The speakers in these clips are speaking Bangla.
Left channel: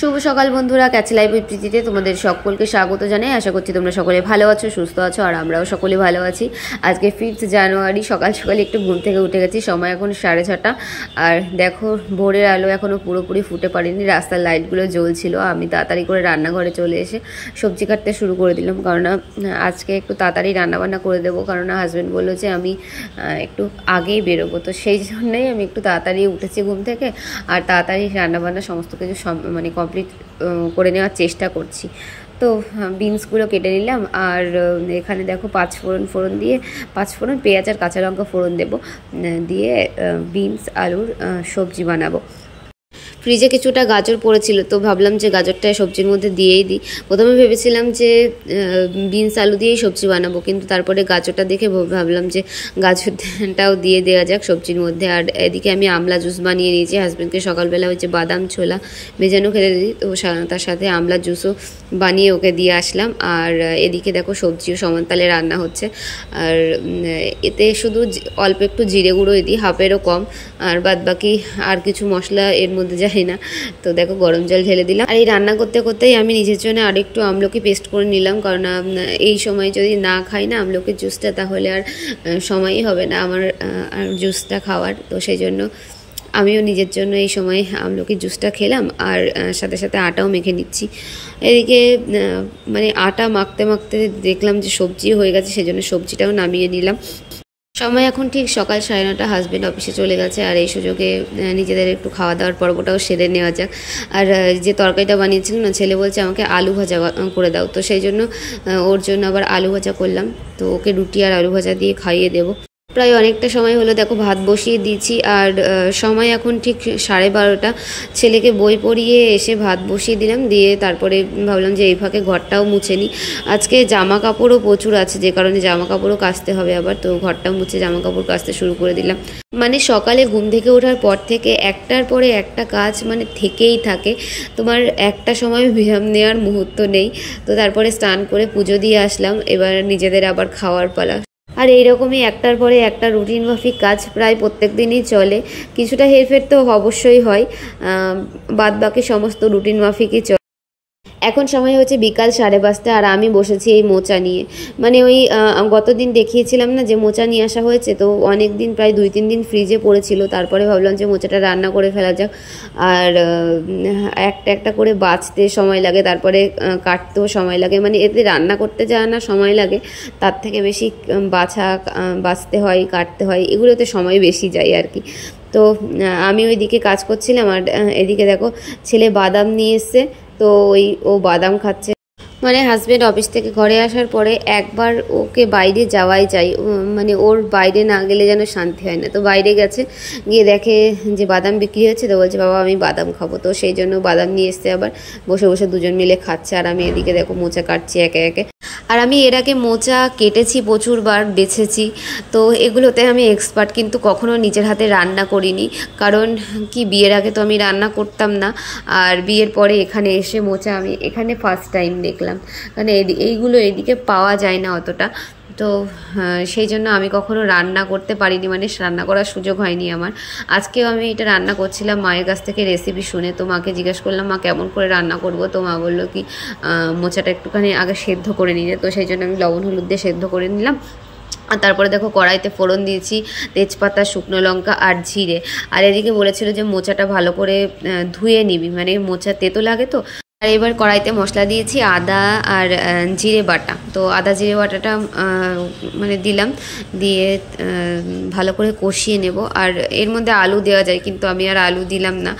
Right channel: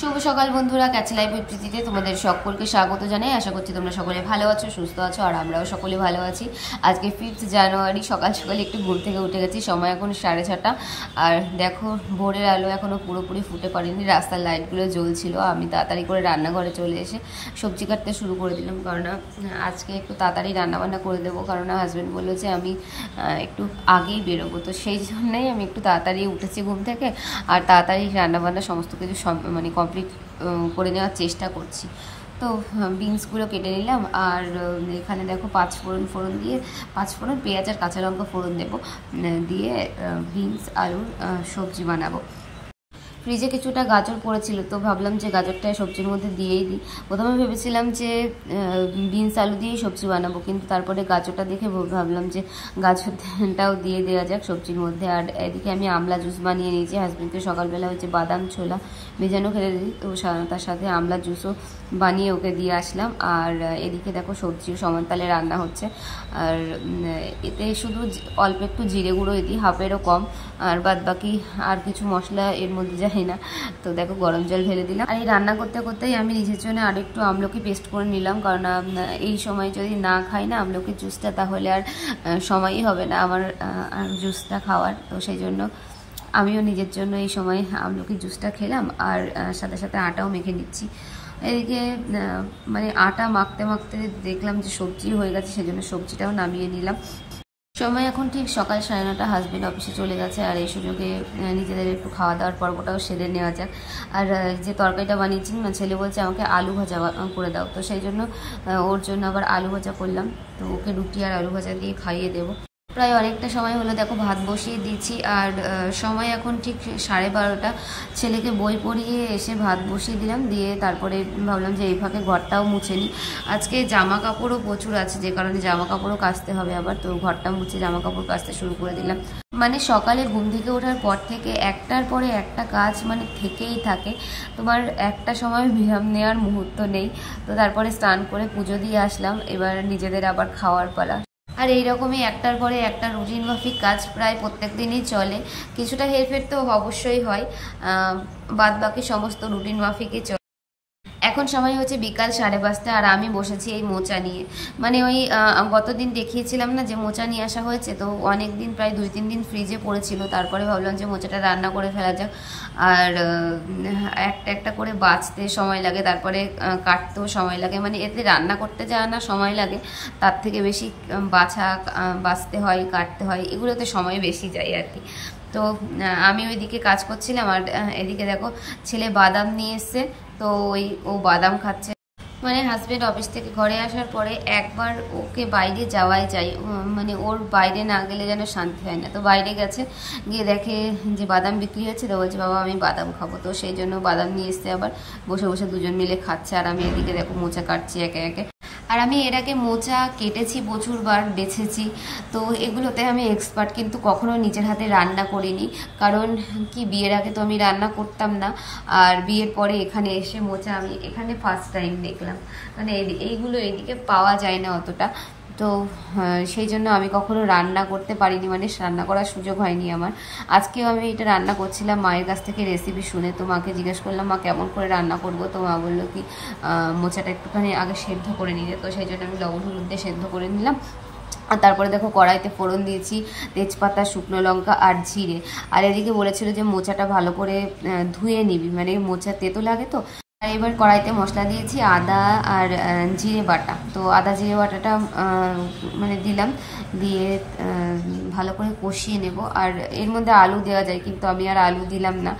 শুভ সকাল বন্ধুরা, ক্যাচ লাইভ উইথ প্রীতিতে তোমাদের সকলকে স্বাগত জানাই। আশা করছি তোমরা সকলে ভালো আছো, সুস্থ আছো, আর আমরাও সকলে ভালো আছি। আজকে 5 জানুয়ারি সকাল সকাল একটু ঘুম থেকে উঠে গেছি। সময় এখন 6:30, আর দেখো ভোরের আলো এখনও পুরোপুরি ফুটে পারিনি, রাস্তার লাইটগুলো জ্বলছিল। আমি তাড়াতাড়ি করে রান্নাঘরে চলে এসে সবজি কাটতে শুরু করে দিলাম, কারণ আজকে একটু তাড়াতাড়ি রান্নাবান্না করে দেবো, কারণ হাজব্যান্ড বললো যে আমি একটু আগেই বেরোবো। তো সেই জন্যই আমি একটু তাড়াতাড়ি উঠেছি ঘুম থেকে, আর তাড়াতাড়ি রান্নাবান্না সমস্ত কিছু মানে কমপ্লিট করে নেওয়ার চেষ্টা করছি। তো বিনসগুলো কেটে নিলাম, আর এখানে দেখো 5 ফোড়ন দিয়ে 5 ফোড়ন, পেঁয়াজ আর কাঁচা লঙ্কা ফোড়ন দেবো, দিয়ে বিনস আলুর সবজি বানাবো। ফ্রিজে কিছুটা গাজর পড়েছিল, তো ভাবলাম যে গাজরটা সবজির মধ্যে দিয়েই দিই। প্রথমে ভেবেছিলাম যে বিনস আলু দিয়েই সবজি বানাবো, কিন্তু তারপরে গাজরটা দেখে ভাবলাম যে গাজরটাও দিয়ে দেওয়া যাক সবজির মধ্যে। আর এদিকে আমি আমলা জুস বানিয়ে নিয়েছি। হাজব্যান্ডকে সকালবেলা হচ্ছে বাদাম ছোলা ভেজানো খেতে দিই, তো তার সাথে আমলা জুসও বানিয়ে ওকে দিয়ে আসলাম। আর এদিকে দেখো সবজিও সমান তালে রান্না হচ্ছে, আর এতে শুধু অল্প একটু জিরে গুঁড়ো দিই, হাফেরও কম, আর বাদ বাকি আর কিছু মশলা এর মধ্যে যায় না। তো দেখো গরম জল ঢেলে দিলাম। আর এই রান্না করতে করতেই আমি নিজের জন্য আর একটু আমলকি পেস্ট করে নিলাম, কারণ এই সময় যদি না খাই না আমলকির জুসটা, তাহলে আর সময়ই হবে না আমার জুসটা খাওয়ার। তো সেই জন্য আমিও নিজের জন্য এই সময় আমলকির জুসটা খেলাম, আর সাথে সাথে আটাও মেখে নিচ্ছি। এদিকে মানে আটা মাখতে মাখতে দেখলাম যে সবজি হয়ে গেছে, সেজন্য সবজিটাও নামিয়ে নিলাম। সময় এখন ঠিক সকাল 9:30। হাজব্যান্ড অফিসে চলে গেছে, আর এই সুযোগে নিজেদের একটু খাওয়া দাওয়ার পর্বটাও সেরে নেওয়া যাক। আর যে তরকারিটা বানিয়েছিলাম না, ছেলে বলছে আমাকে আলু ভাজা করে দাও, তো সেই জন্য ওর জন্য আবার আলু ভাজা করলাম। তো ওকে রুটি আর আলু ভাজা দিয়ে খাইয়ে দেবো। প্রায় অনেকটা সময় হলো, দেখো ভাত বসিয়ে দিয়েছি, আর সময় এখন ঠিক 12:30। ছেলেকে বই পড়িয়ে এসে ভাত বসিয়ে দিলাম, দিয়ে তারপরে ভাবলাম যে এই ফাঁকে ঘরটাও মুছে নিই। আজকে জামা কাপড়ও প্রচুর আছে, যে কারণে জামা কাপড়ও কাচতে হবে আবার। তো ঘরটাও মুছে জামা কাপড় কাচতে শুরু করে দিলাম। মানে সকালে ঘুম থেকে ওঠার পর থেকে একটার পরে একটা কাজ মানে থেকেই থাকে, তোমার একটা সময় বিরাম নেওয়ার মুহূর্ত নেই। তো তারপরে স্নান করে পুজো দিয়ে আসলাম, এবার নিজেদের আবার খাওয়ার পালা। আর এইরকমই একটার পরে একটা রুটিন মাফিক কাজ প্রায় প্রত্যেক দিনই চলে। কিছুটা হেরফের তো অবশ্যই হয়, বাদ বাকি সমস্ত রুটিন মাফিকই চলে। এখন সময় হচ্ছে বিকাল 5:30, আর আমি বসেছি এই মোচা নিয়ে। মানে ওই গতদিন দেখিয়েছিলাম না যে মোচা নিয়ে আসা হয়েছে, তো অনেক দিন প্রায় 2-3 দিন ফ্রিজে পড়েছিল। তারপরে ভাবলাম যে মোচাটা রান্না করে ফেলা যাক। আর একটা একটা করে বাছতে সময় লাগে, তারপরে কাটতেও সময় লাগে। মানে এতে রান্না করতে যায় না সময় লাগে, তার থেকে বেশি বাছতে হয়, কাটতে হয়, এগুলোতে সময় বেশি যায় আর কি। তো আমি ওইদিকে কাজ করছিলাম, আর এদিকে দেখো ছেলে বাদাম নিয়ে এসছে, তো ও বাদাম খাচ্ছে। মানে হাজব্যান্ড অফিস থেকে ঘরে আসার পরে একবার ওকে বাইরে যাওয়াই চাই, মানে ওর বাইরে না গেলে যেন শান্তি হয় না। তো বাইরে গেছে, গিয়ে দেখে যে বাদাম বিক্রি হচ্ছে, তো বলছে বাবা আমি বাদাম খাবো। তো সেই জন্য বাদাম নিয়ে এসছে, আবার বসে বসে দুজন মিলে খাচ্ছে, আর আমি এদিকে দেখো মোচা কাটছি একে একে। আর আমি এর আগে মোচা কেটেছি প্রচুরবার, বেছেছি, তো এগুলোতে আমি এক্সপার্ট, কিন্তু কখনো নিজের হাতে রান্না করিনি। কারণ কি, বিয়ের আগে তো আমি রান্না করতাম না, আর বিয়ের পরে এখানে এসে মোচা আমি এখানে ফার্স্ট টাইম দেখলাম। মানে এইগুলো এদিকে পাওয়া যায় না অতটা, তো সেই জন্য আমি কখনো রান্না করতে পারিনি, মানে রান্না করার সুযোগ হয়নি আমার। আজকেও আমি এটা রান্না করছিলাম মায়ের কাছ থেকে রেসিপি শুনে। তো মাকে জিজ্ঞেস করলাম মা কেমন করে রান্না করব, তো মা বললো কি মোচাটা একটুখানি আগে সেদ্ধ করে নিয়ে। তো সেই জন্য আমি লবণ হলুদ দিয়ে সেদ্ধ করে নিলাম। আর তারপরে দেখো কড়াইতে ফোড়ন দিয়েছি, তেজপাতা, শুকনো লঙ্কা আর জিরে। আর এদিকে বলেছিল যে মোচাটা ভালো করে ধুয়ে নিবি, মানে মোচা তেতো লাগে তো। আর এবার কড়াইতে মশলা দিয়েছি আদা আর জিরে বাটা। তো আদা জিরে বাটাটা মানে দিলাম, দিয়ে ভালো করে কষিয়ে নেব। আর এর মধ্যে আলু দেওয়া যায়, কিন্তু আমি আর আলু দিলাম না,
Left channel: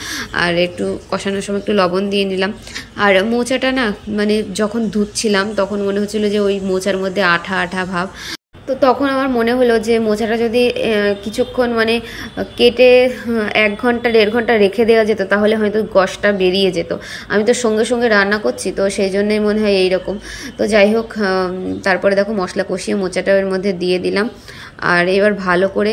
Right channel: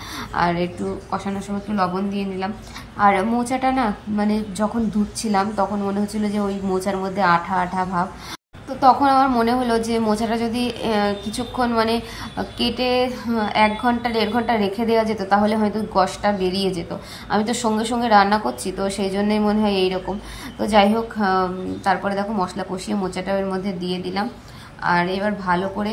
আর একটু কষানোর সময় একটু লবণ দিয়ে নিলাম। আর মোচাটা না, মানে যখন ধুচ্ছিলাম তখন মনে হচ্ছিলো যে ওই মোচার মধ্যে আঠা আঠা ভাব। তো তখন আমার মনে হলো যে মোচাটা যদি কিছুক্ষণ মানে কেটে 1 ঘন্টা 1.5 ঘন্টা রেখে দেওয়া যেত, তাহলে হয়তো কষটা বেরিয়ে যেত। আমি তো সঙ্গে সঙ্গে রান্না করছি, তো সেই জন্যই মনে হয় এইরকম। তো যাই হোক, তারপরে দেখো মশলা কষিয়ে মোচাটা এর মধ্যে দিয়ে দিলাম, আর এবার ভালো করে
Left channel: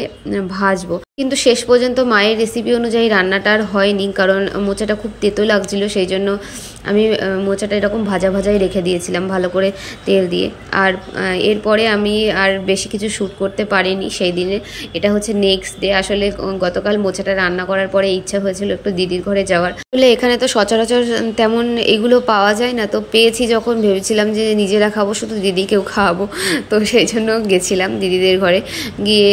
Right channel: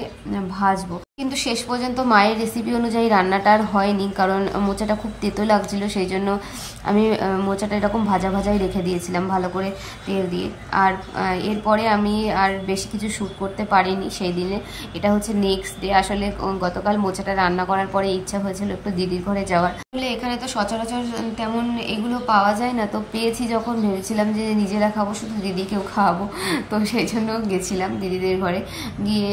ভাজবো। কিন্তু শেষ পর্যন্ত মায়ের রেসিপি অনুযায়ী রান্নাটা আর হয়নি, কারণ মোচাটা খুব তেতো লাগছিল। সেই জন্য আমি মোচাটা এরকম ভাজা ভাজাই রেখে দিয়েছিলাম ভালো করে তেল দিয়ে। আর এরপরে আমি আর বেশি কিছু শ্যুট করতে পারিনি সেই দিনে। এটা হচ্ছে নেক্সট ডে। আসলে গতকাল মোচাটা রান্না করার পরে ইচ্ছা হয়েছিল একটু দিদির ঘরে যাওয়ার। আসলে এখানে তো সচরাচর তেমন এগুলো পাওয়া যায় না, তো পেয়েছি যখন ভেবেছিলাম যে নিজেরা খাবো, শুধু দিদিকেও খাওয়াবো। তো সেই জন্য গেছিলাম দিদিদের ঘরে। গিয়ে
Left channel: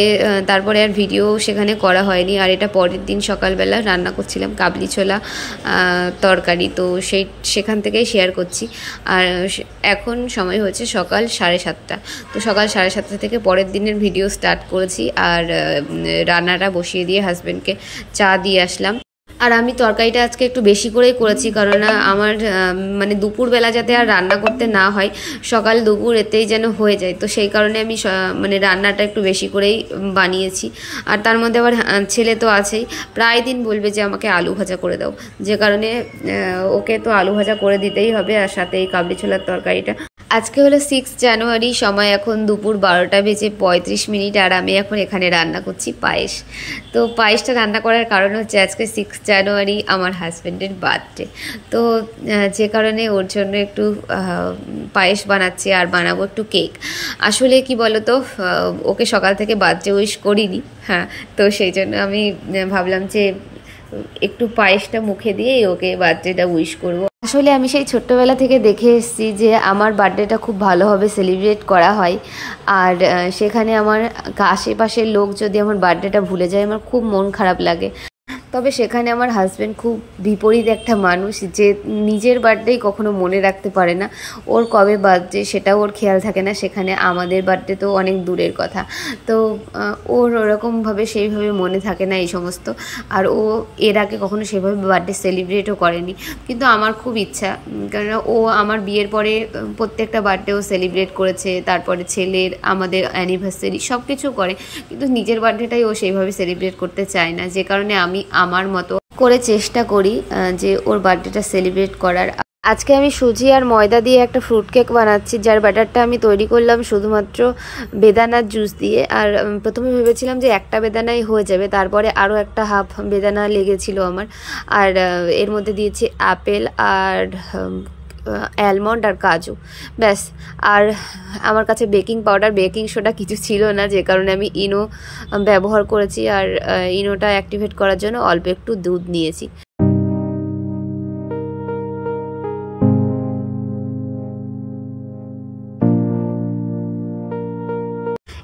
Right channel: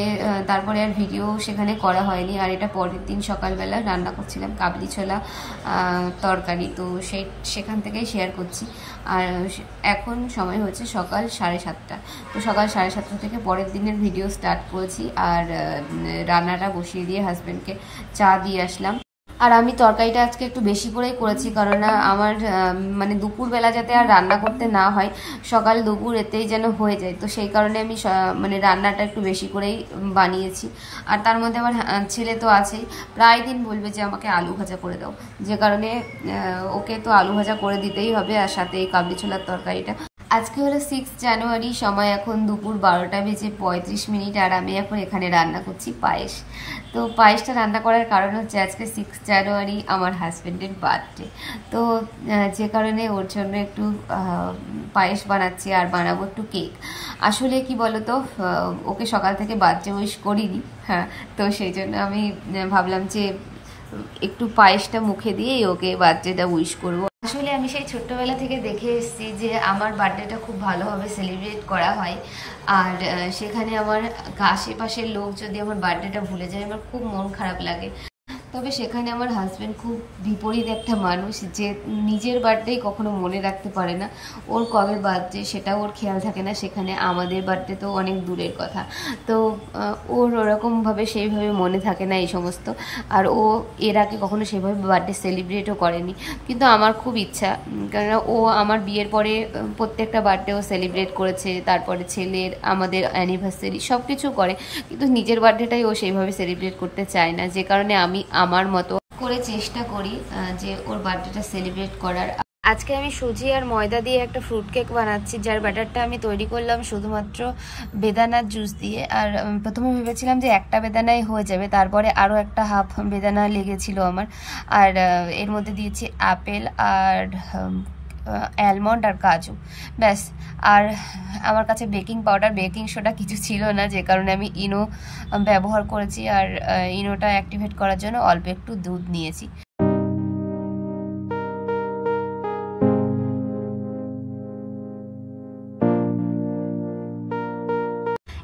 তারপরে আর ভিডিও সেখানে করা হয়নি। আর এটা পরের দিন সকালবেলা রান্না করছিলাম কাবলি ছোলা তরকারি, তো সেখান থেকেই শেয়ার করছি। আর এখন সময় হচ্ছে সকাল 7:30। তো সকাল 7:30 থেকে পরের দিনের ভিডিও স্টার্ট করেছি। আর রান্নাটা বসিয়ে দিয়ে হাজব্যান্ডকে চা দিয়ে আসলাম। আর আমি তরকারিটা আজকে একটু বেশি করেই করেছি, কারণ আমার মানে দুপুরবেলা যাতে আর রান্না করতে না হয়, সকাল দুপুর এতেই যেন হয়ে যায়। তো সেই কারণে আমি মানে রান্নাটা একটু বেশি করেই বানিয়েছি। আর তার মধ্যে আবার ছেলে তো আছেই, প্রায় দিন বলবে যে আমাকে আলু ভাজা করে দাও, যে কারণে ওকে তো আলু ভাজা করে দিতেই হবে, আর সাথে এই কাবলি ছোলার তরকারিটা। আজকে হলো 6 জানুয়ারি, সময় এখন দুপুর 12:35। আর আমি এখন এখানে রান্না করছি পায়েস। তো পায়েসটা রান্না করার কারণ হচ্ছে আজকে 6 জানুয়ারি আমার হাজব্যান্ডের বার্থডে। তো যে কারণে ওর জন্য একটু পায়েস বানাচ্ছি, আর বানাবো একটু কেক। আসলে কি বলতো, ওকে সকাল থেকে বার্থডে উইশ করিনি। হ্যাঁ, তো সেই জন্য আমি ভাবলাম যে একটু পায়েসটা মুখে দিয়েই ওকে বার্থডেটা উইশ করবো। আসলে আমি সেই ছোট্টবেলা থেকে দেখে এসেছি যে আমার বার্থডেটা খুব ভালোভাবে সেলিব্রেট করা হয়। আর সেখানে আমার আশেপাশের লোক যদি আমার বার্থডেটা ভুলে যায়, আমার খুব মন খারাপ লাগে। তবে সেখানে আমার হাজব্যান্ড খুব বিপরীত একটা মানুষ, যে নিজের বার্থডেই কখনো মনে রাখতে পারে না। ওর কবে বার্থডে সেটাও ওর খেয়াল থাকে না, সেখানে আমাদের বার্থডে তো অনেক দূরের কথা। তো ওর ওরকমভাবে সেইভাবে মনে থাকে না এই সমস্ত। আর ও এর আগে কখনো সেভাবে বার্থডে সেলিব্রেটও করেনি। কিন্তু আমার খুব ইচ্ছা, কারণ ও আমার বিয়ের পরে প্রত্যেকটা বার্থডে ও সেলিব্রেট করেছে, তারপরে ছেলের, আমাদের অ্যানিভার্সারি সব কিছু করে, কিন্তু নিজের বার্থডেটাই ও সেইভাবে সেলিব্রেট করতে চায় না। যে কারণে আমি আমার মতো করে চেষ্টা করি যে ওর বার্থডেটা সেলিব্রেট করার। আজকে আমি সুজি আর ময়দা দিয়ে একটা ফ্রুট কেক বানাচ্ছি, যার ব্যাটারটা আমি তৈরি করলাম শুধুমাত্র বেদানার জুস দিয়ে। আর প্রথমে ভেবেছিলাম যে একটা বেদানাই হয়ে যাবে, তারপরে আরও একটা হাফ বেদানা লেগেছিল আমার। আর এর মধ্যে দিয়েছি আপেল আর অ্যালমন্ড আর কাজু, ব্যাস। আর আমার কাছে বেকিং পাউডার, বেকিং সোডা কিছু ছিল না, যে কারণে আমি ইনো ব্যবহার করেছি। আর ইনোটা অ্যাক্টিভেট করার জন্য অল্প একটু দুধ নিয়েছি।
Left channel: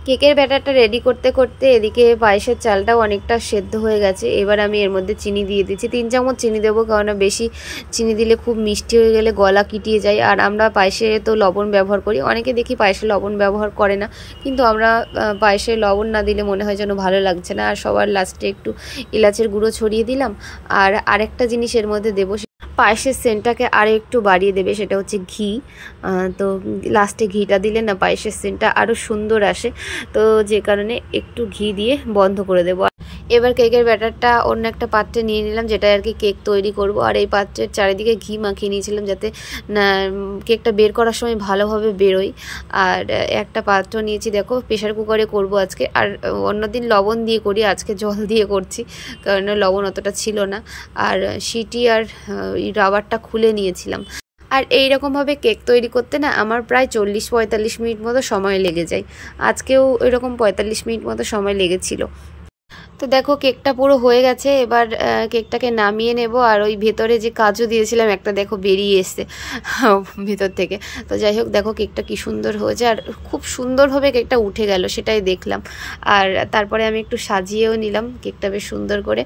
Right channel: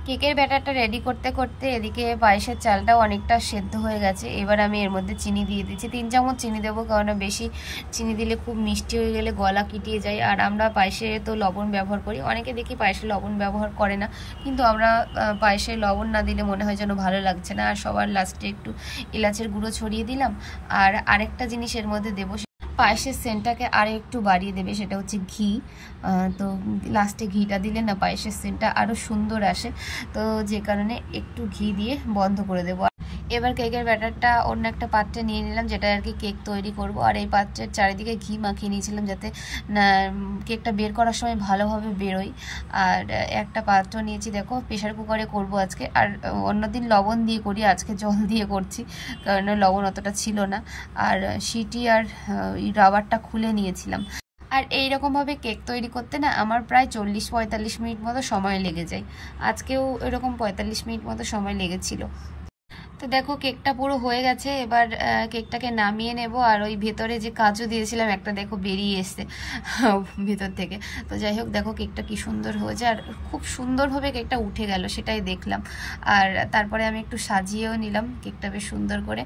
কেকের ব্যাটারটা রেডি করতে করতে এদিকে পায়েসের চালটাও অনেকটা সেদ্ধ হয়ে গেছে। এবার আমি এর মধ্যে চিনি দিয়ে দিচ্ছি, 3 চামচ চিনি দেবো, কারণ বেশি চিনি দিলে খুব মিষ্টি হয়ে গেলে গলা কিটিয়ে যায়। আর আমরা পায়েসে তো লবণ ব্যবহার করি, অনেকে দেখি পায়েসে লবণ ব্যবহার করে না, কিন্তু আমরা পায়েসে লবণ না দিলে মনে হয় যেন ভালো লাগছে না। আর সবার লাস্টে একটু এলাচের গুঁড়ো ছড়িয়ে দিলাম। আর আরেকটা জিনিস এর মধ্যে দেবো, পায়েসের সেন্টটাকে আরও একটু বাড়িয়ে দেবে, সেটা হচ্ছে ঘি। তো লাস্টে ঘিটা দিলে না পায়েসের সেন্টটা আরও সুন্দর আসে। তো যে কারণে একটু ঘি দিয়ে বন্ধ করে দেবো। এবার কেকের ব্যাটারটা অন্য একটা পাত্রে নিয়ে নিলাম, যেটা আর কি কেক তৈরি করব। আর এই পাত্রের চারিদিকে ঘি মাখিয়ে নিয়েছিলাম, যাতে না কেকটা বের করার সময় ভালোভাবে বেরোয়। আর একটা পাত্র নিয়েছি, দেখো প্রেশার কুকারে করব আজকে। আর অন্যদিন লবণ দিয়ে করি, আজকে জল দিয়ে করছি, কারণ লবণ অতটা ছিল না। আর সিটি আর রাবারটা খুলে নিয়েছিলাম। আর এইরকমভাবে কেক তৈরি করতে না আমার প্রায় 40-45 মিনিট মতো সময় লেগে যায়। আজকেও এরকম 45 মিনিট মতো সময় লেগেছিল। তো দেখো কেকটা পুরো হয়ে গেছে। এবার কেকটাকে নামিয়ে নেব। আর ওই ভেতরে যে কাজু দিয়েছিলাম একটা, দেখো বেরিয়ে এসছে ভেতর থেকে। তো যাই হোক, দেখো কেকটা কি সুন্দর হয়েছে, আর খুব সুন্দরভাবে কেকটা উঠে গেল, সেটাই দেখলাম। আর তারপরে আমি একটু সাজিয়েও নিলাম কেকটা বেশ সুন্দর করে।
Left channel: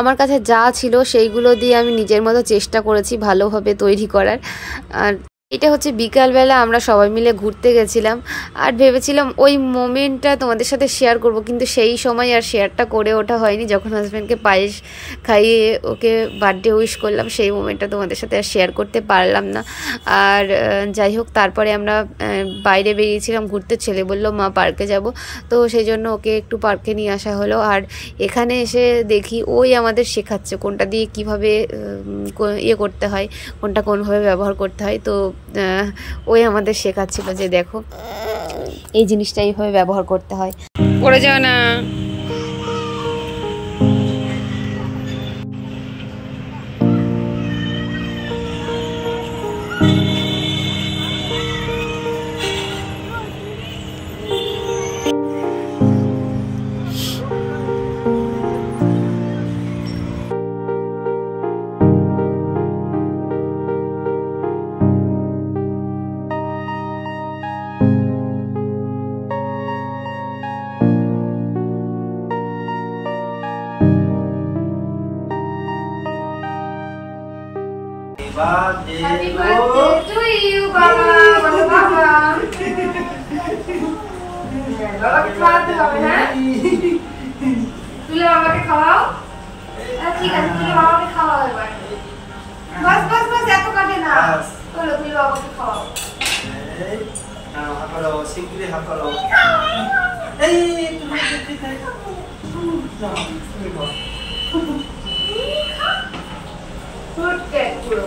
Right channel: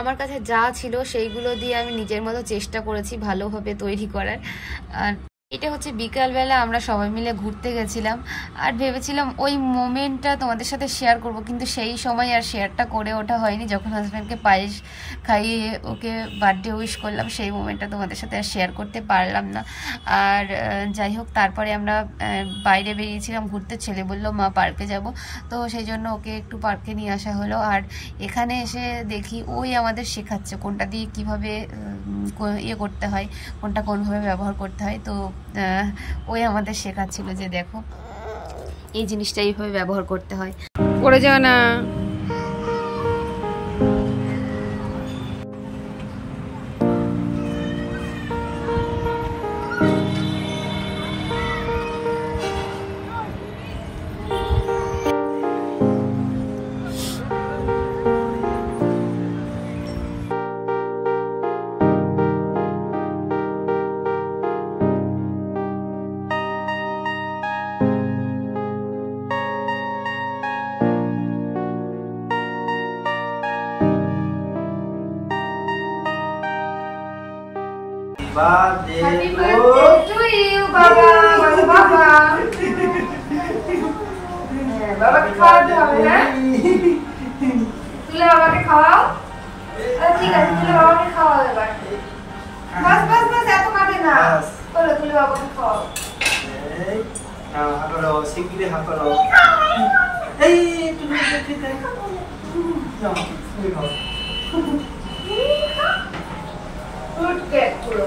আমার কাছে যা ছিল সেইগুলো দিয়ে আমি নিজের মতো চেষ্টা করেছি ভালোভাবে তৈরি করার। আর এটা হচ্ছে বিকালবেলা আমরা সবাই মিলে ঘুরতে গেছিলাম, আর ভেবেছিলাম ওই মোমেন্টটা তোমাদের সাথে শেয়ার করব, কিন্তু সেই সময় আর শেয়ারটা করে ওঠা হয়নি। যখন হাজব্যান্ডকে পায়েস খাইয়ে ওকে বার্থডে উইশ করলাম, সেই মোমেন্টটা তোমাদের সাথে আর শেয়ার করতে পারলাম না। আর যাই হোক, তারপরে আমরা বাইরে বেরিয়েছিলাম ঘুরতে। ছেলে বলল মা পার্কে যাব, তো সেই জন্য ওকে একটু পার্কে নিয়ে আসা হলো। আর এখানে এসে দেখি ওই আমাদের শেখাচ্ছে কোনটা দিয়ে কিভাবে ইয়ে করতে হয়, কোনটা কোনভাবে ব্যবহার করতে হয়। তো ওই আমাদের শেখাচ্ছিল যে দেখো এই জিনিসটা এইভাবে ব্যবহার করতে হয়। পড়ে যাও না। birthday Happy birthday to you, বাবা। বলো বাবা। বাবাকে খাওয়াতে হবে, হ্যাঁ? তুলে বাবাকে খাওয়াও। ঠিক আছে, তুলে বাবাকে খাওয়াও এবার। বাস বাস বাস, এত কাটে না। চলো তুলে বাবাকে খাওয়াও। এই হাত করো, শিগগিরই হাত করো। এই তুমি ঠিক আছে। যাও, তুমি খাও। ফুড কেক পুরো।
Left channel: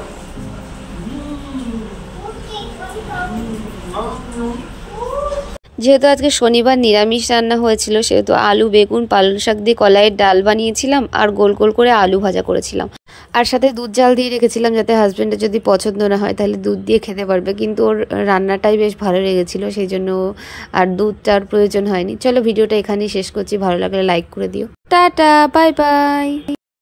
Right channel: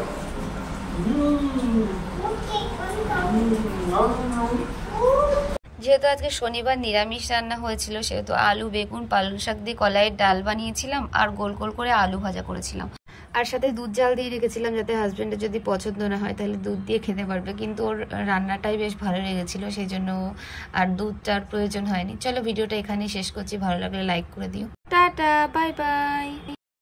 যেহেতু আজকে শনিবার নিরামিষ রান্না হয়েছিল, সেহেতু আলু বেগুন পালং শাক দিয়ে কলাইয়ের ডাল বানিয়েছিলাম আর গোল গোল করে আলু ভাজা করেছিলাম, আর সাথে দুধ জাল দিয়ে রেখেছিলাম যাতে হাজব্যান্ডের যদি পছন্দ না হয় তাহলে দুধ দিয়ে খেতে পারবে, কিন্তু ওর রান্নাটাই বেশ ভালো লেগেছিল, সেই জন্য আর দুধটার প্রয়োজন হয়নি। চলো ভিডিওটা এখানেই শেষ করছি, ভালো লাগলে লাইক করে দিও। Tata, bye bye.